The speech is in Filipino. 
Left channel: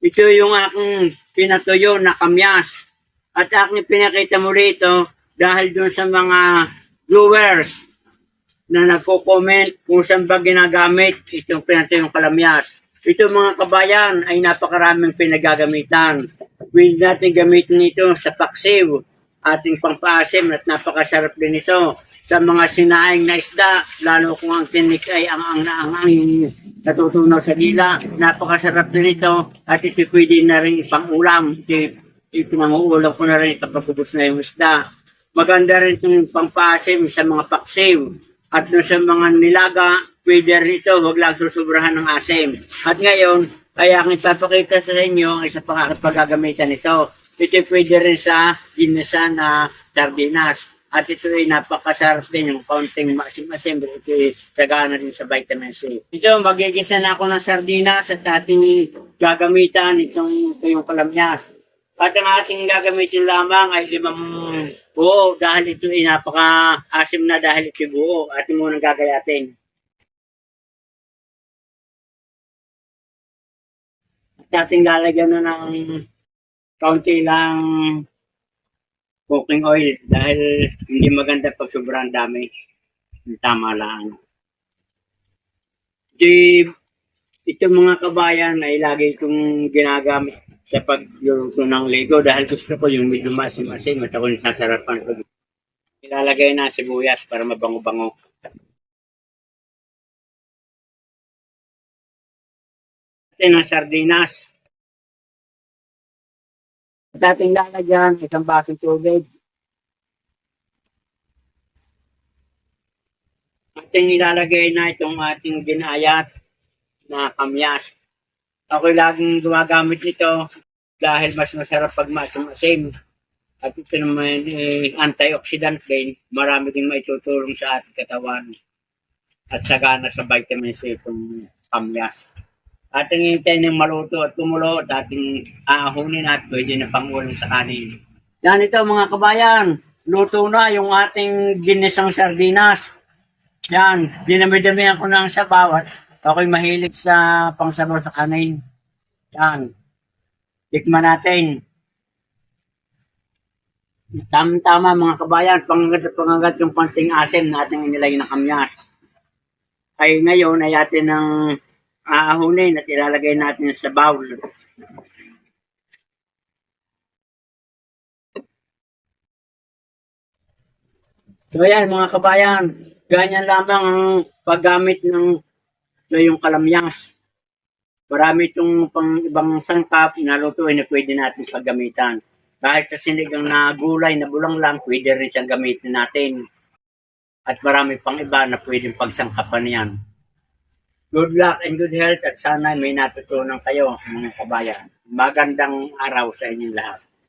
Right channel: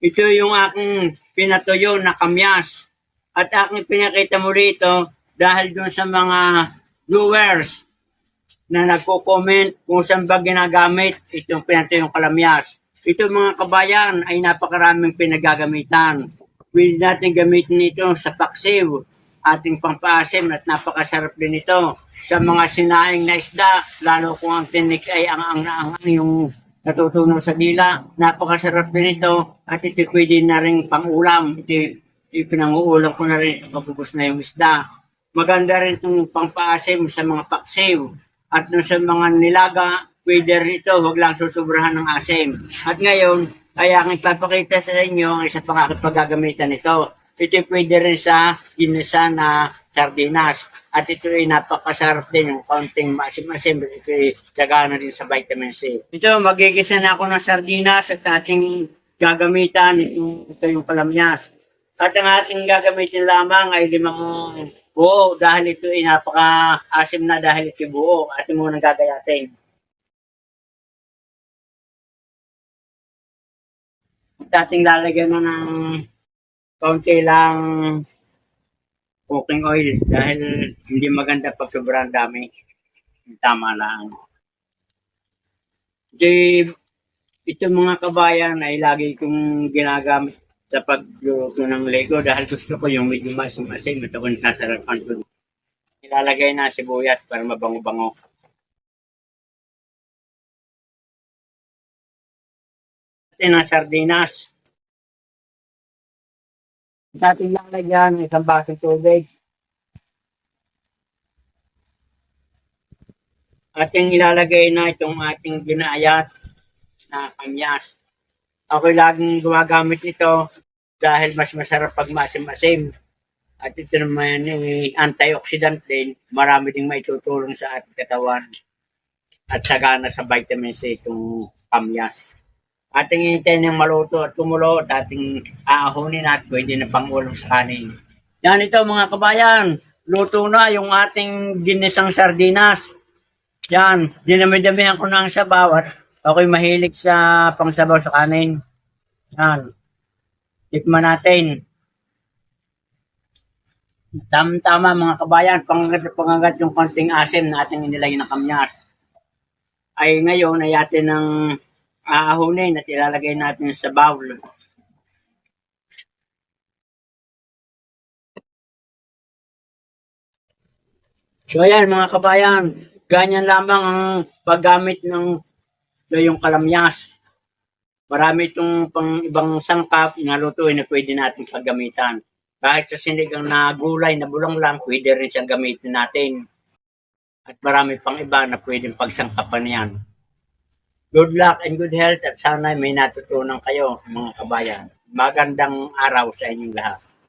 Ito yung aking pinatuyo na kamyas. At aking pinakita mo rito dahil dun sa mga viewers na nagko-comment kung saan ba ginagamit itong pinatuyong kalamyas. Ito mga kabayan ay napakaraming pinagagamitan. Pwede natin gamitin ito sa paksiw, ating pampaasim at napakasarap din ito sa mga sinaing na isda, lalo kung ang tinik ay ang yung natutunaw sa dila. Napakasarap din ito at ito pwede na rin pang-ulam. Ipinanguulam ko na rin pagkabubos na yung isda. Maganda rin itong pampaasim sa mga paksiw. At sa mga nilaga, pwede rin ito, huwag lang susubrahan ng asim. At ngayon, ay aking ipapakita sa inyo ang isa pang aking paggagamitan nito. Ito pwede rin sa ginisa na sardinas. At ito ay napakasarap din yung konting maasim-asim. Ito ay sagana din sa vitamin C. Ito, magigisa na ako ng sardinas at ating gagamitan ito yung kalamyas. At ang ating gagamitin lamang ay 5 buo dahil ito ay napaka-asim na dahil ito buo. Ating muna gagayatin. At ating lalagyan na ng kaunti lang cooking oil dahil hindi maganda pag sobrang dami. Tama lang. Ito mga kabayan ay lagi kong ginagamit sa pagluluto ng Lego dahil gusto ko yung medyo masim-asim at ako nasasarapan ko. Ilalagay na sibuyas para mabango-bango. Atin ang sardinas. At ating lalagyan isang basong tubig. Ating ilalagay na itong ating ginayat na kamyas. Ako laging gumagamit nito dahil mas masarap pag masim-asim. At ito naman ay antioxidant din. Marami ding maitutulong sa ating katawan. At sagana sa vitamin C itong kamyas. Ating hintayin ng maluto at kumulo at ating aahunin at pwede na pangulam sa kanin. Yan ito mga kabayan. Luto na yung ating ginisang sardinas. Yan. Dinami-damihan ko ng sabaw at ako'y mahilig sa pangsabaw sa kanin. Yan. Tikman natin. Tama mga kabayan. Pangagat yung konting asim na ating inilagay ng kamyas. Ay ngayon ay atin ng aahunin at ilalagay natin sa bowl. So ayan mga kabayan, ganyan lamang ang paggamit ng yung kalamyas. Marami itong pang ibang sangkap na lutuin na pwede natin paggamitan. Kahit sa sinigang na gulay na bulang lang, pwede rin siyang gamitin natin. At marami pang iba na pwedeng pagsangkapan yan. Good luck and good health at sana may natutunan kayo mga kabayan. Magandang araw sa inyong lahat.